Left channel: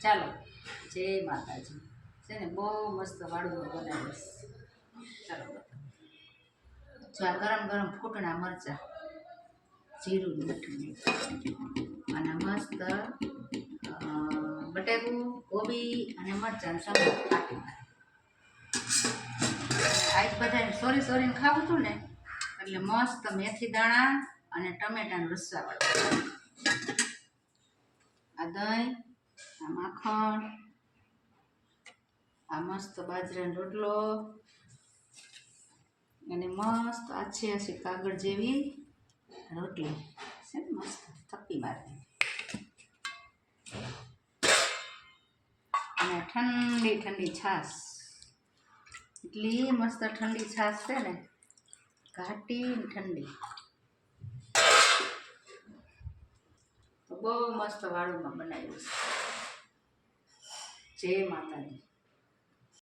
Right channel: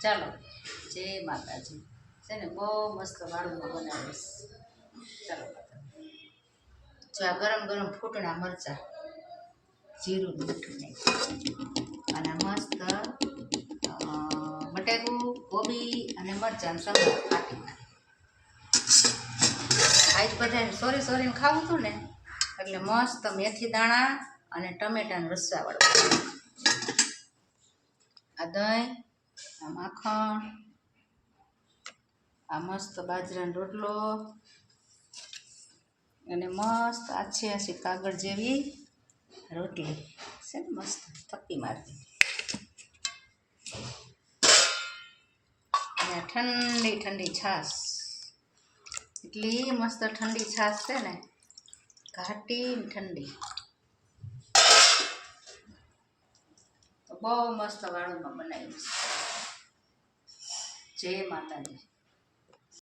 ચાલો જય માતાજી છે ને બહુ મસ્ત વાળુંમાં બનાવીશ ચાલો જો આ ગરમ ગરમ ફૂટણા મરચાં જીરું મીઠું નાખ્યું અને મસ્ત બટેકું કોબી અને મરચાં સગું કાપી આજ બધાને સોરીને ખાવું હતું ને એટલે મસ્ત મેથી દાણા અને ટમેટાનું રસ્સાવાળું આ દહીં આ માખણ આ મસ્ત બાજરાનો રોટલો અને મસ્ત આછી કાગળ જેવી રોટલી છે ને મસ્ત થપ્પી મારતી અને ઠંડી ઠંડી છાશ એટલી મસ્ત ઠંડી છાશ છે ને ઘાટી ઠંડી તો બહુ મસ્ત વાળુંમાં બનાવ્યું છે જય માતાજી।